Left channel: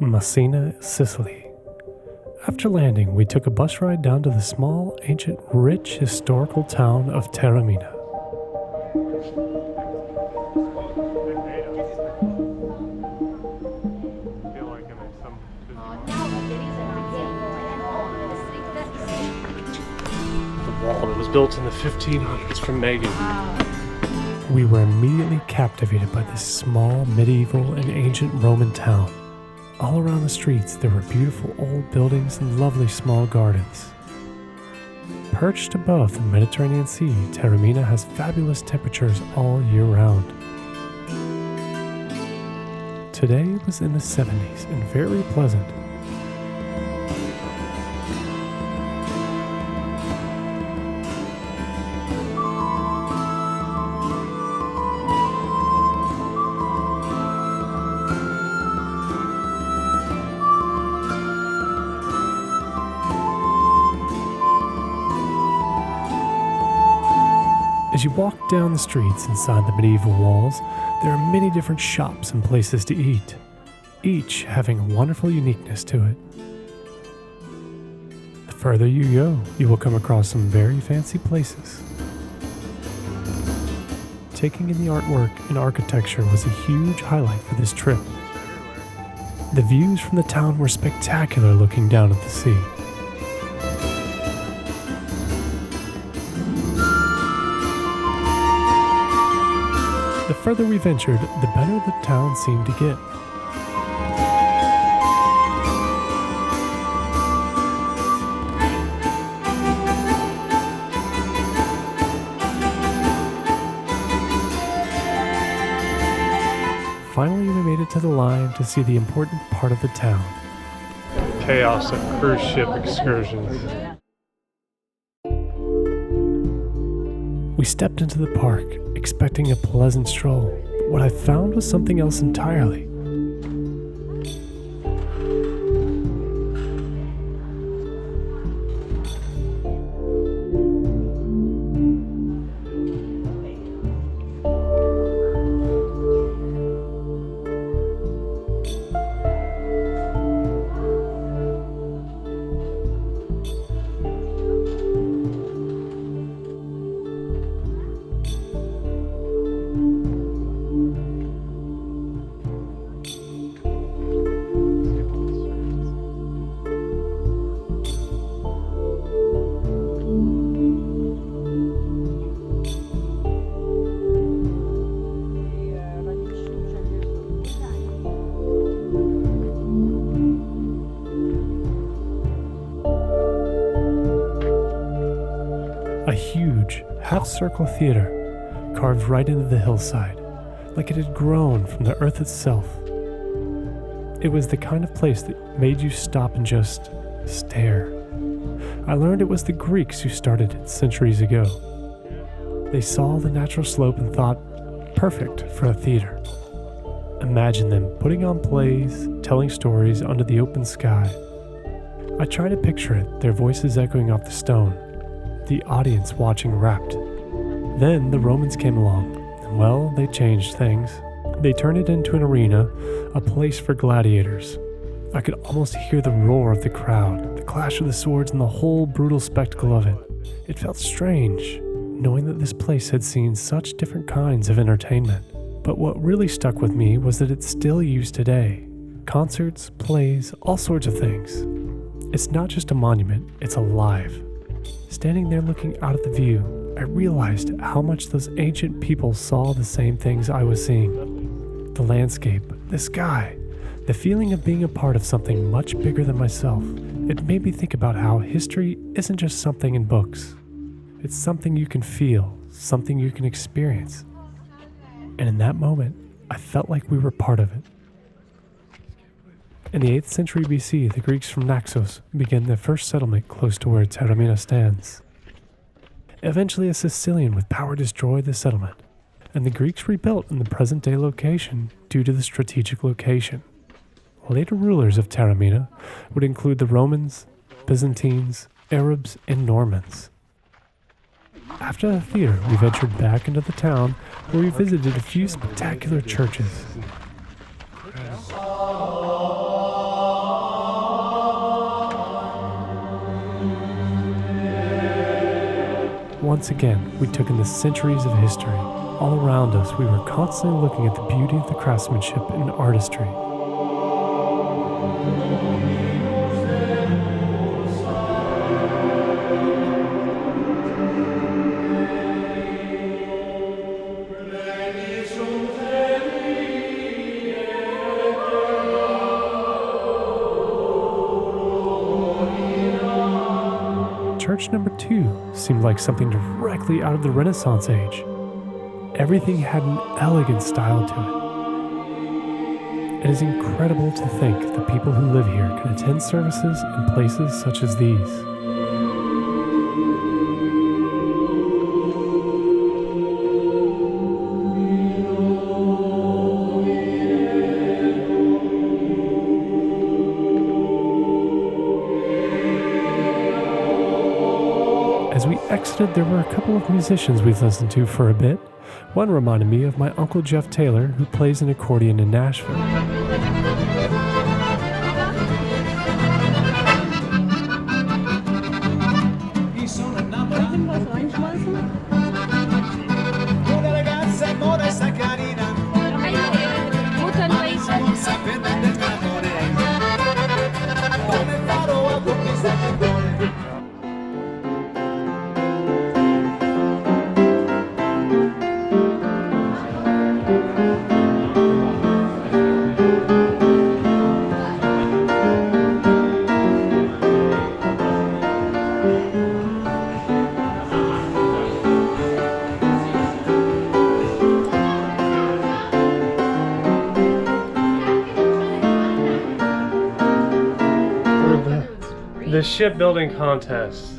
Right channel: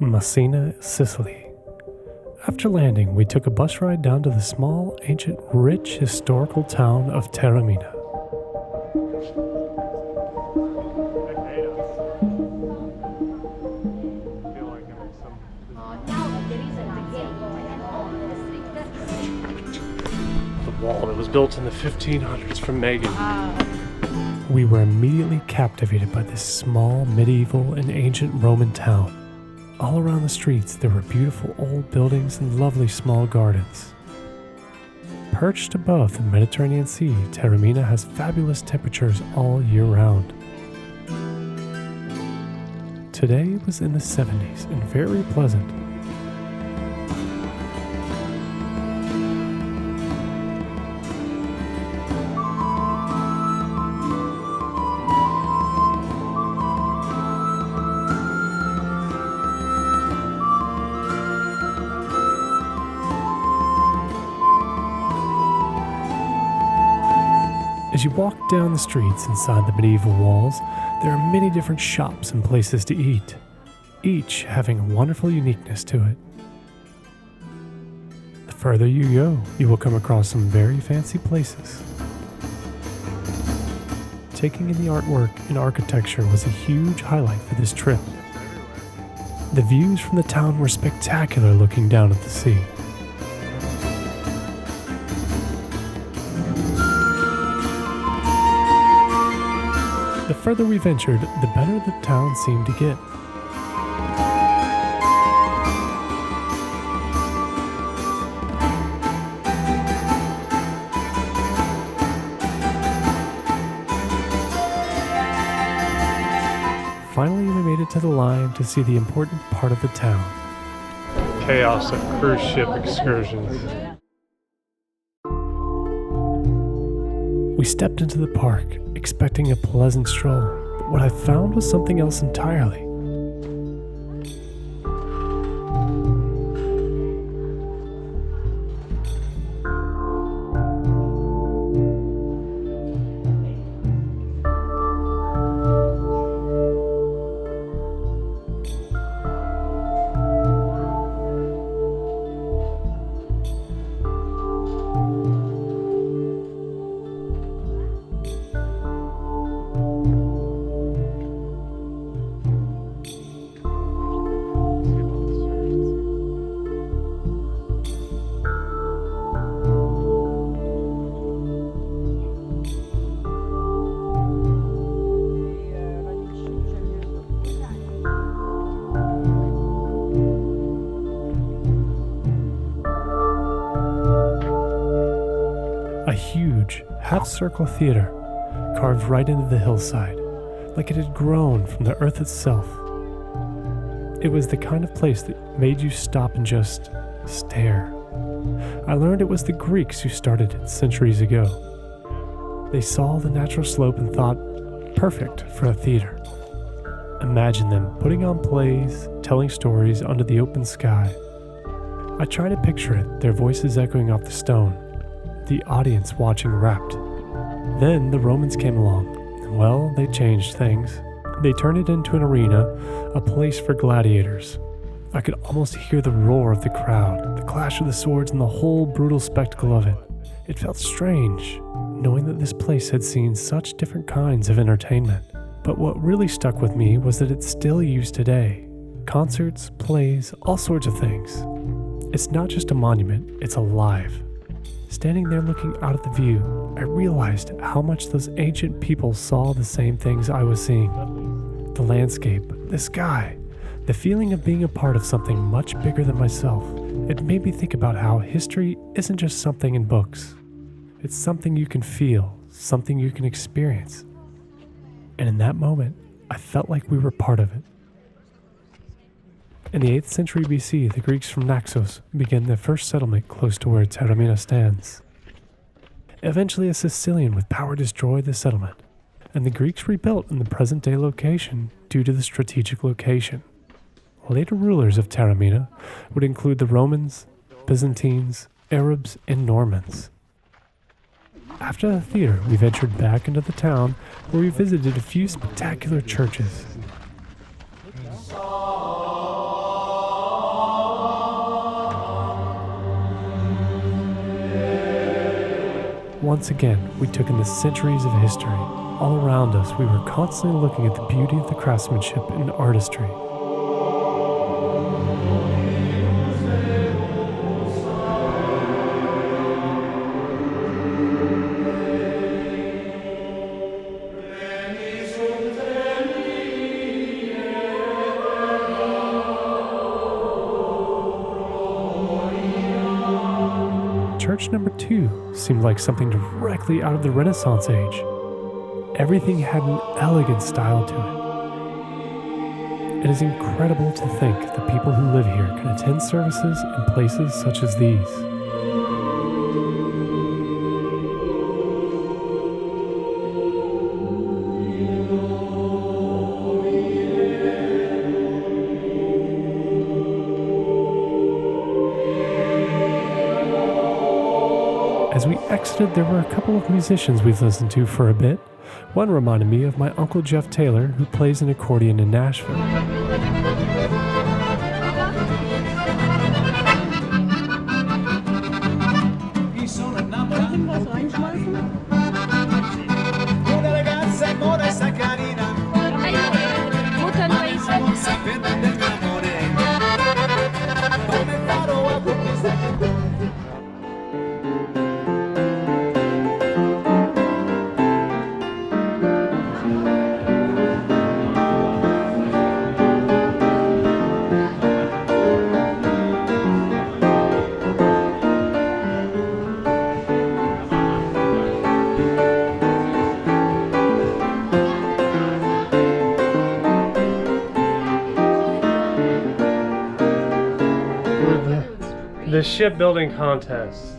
Messina, Sicily. After landing, we took a bus ride down to the small, ancient, rich, historical town of Taormina. The wall that was built in the 1500s from Megan. We were immediately captivated by this small, medieval, and ancient Roman town. All around the streets, there were beautiful old buildings and lovely small gardens. Perched above the Mediterranean Sea, Taromina has fabulous temperatures all year round. Today was in the 70s and very pleasant. As you walk down the streets inside the medieval walls, there are many different shops and places to eat, each having a wonderful uniqueness to it. The further you go, you will come across some very fancy places. Taking in the artwork and architecture was a huge highlight for this trip. The views from the town were spectacular looking down at the sea. The further we ventured, the better the town seemed to get. Finally, we made it to the line to see the important part of the town. Chaos of cruise ship excursions. We stepped into the park, expecting a pleasant stroll, but what I found was something else entirely. A huge, half-circle theater, carved right into the hillside, like it had grown from the earth itself. It was the kind of place that made you stop and just stare. I learned it was the Greeks who started it centuries ago. They saw the natural slope and thought, perfect for a theater. Imagine them putting on plays, telling stories under the open sky. I try to picture it, their voices echoing off the stone, the audience watching rapt. Then the Romans came along, and well, they changed things. They turned it into an arena, a place for gladiators. I could almost hear the roar of the crowd, the clash of the swords, and the whole brutal spectacle of it. It felt strange, knowing that this place had seen such different kinds of entertainment. But what really stuck with me was that it's still used today. Concerts, plays, all sorts of things. It's not just a monument, it's alive. Standing there looking out at the view, I realized how much those ancient people saw the same things I was seeing. The landscape, the sky, the feeling of being a part of something much bigger than myself. It made me think about how history isn't just something in books. It's something you can feel, something you can experience. And in that moment, I felt like we were part of it. In the 8th century BC, the Greeks from Naxos began their first settlement close to where Taormina stands. Eventually, a Sicilian with power destroyed the settlement, and the Greeks rebuilt in the present-day location due to the strategic location. Later rulers of Taormina would include the Romans, Byzantines, Arabs, and Normans. After the theater, we ventured back into the town where we visited a few spectacular churches. Once again, we took in the centuries of history. All around us, we were constantly looking at the beauty of the craftsmanship and artistry. Church number 2 seemed like something directly out of the Renaissance age. Everything had an elegant style to it. It is incredible to think the people who live here can attend services in places such as these. As we exited, there were a couple of musicians we've listened to for a bit. One reminded me of my Uncle Jeff Taylor, who plays an accordion in Nashville. The shipbuilding contest.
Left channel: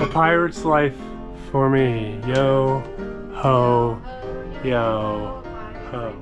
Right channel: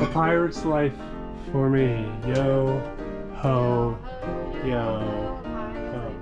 A pirate's life for me. Yo, ho, yo, ho.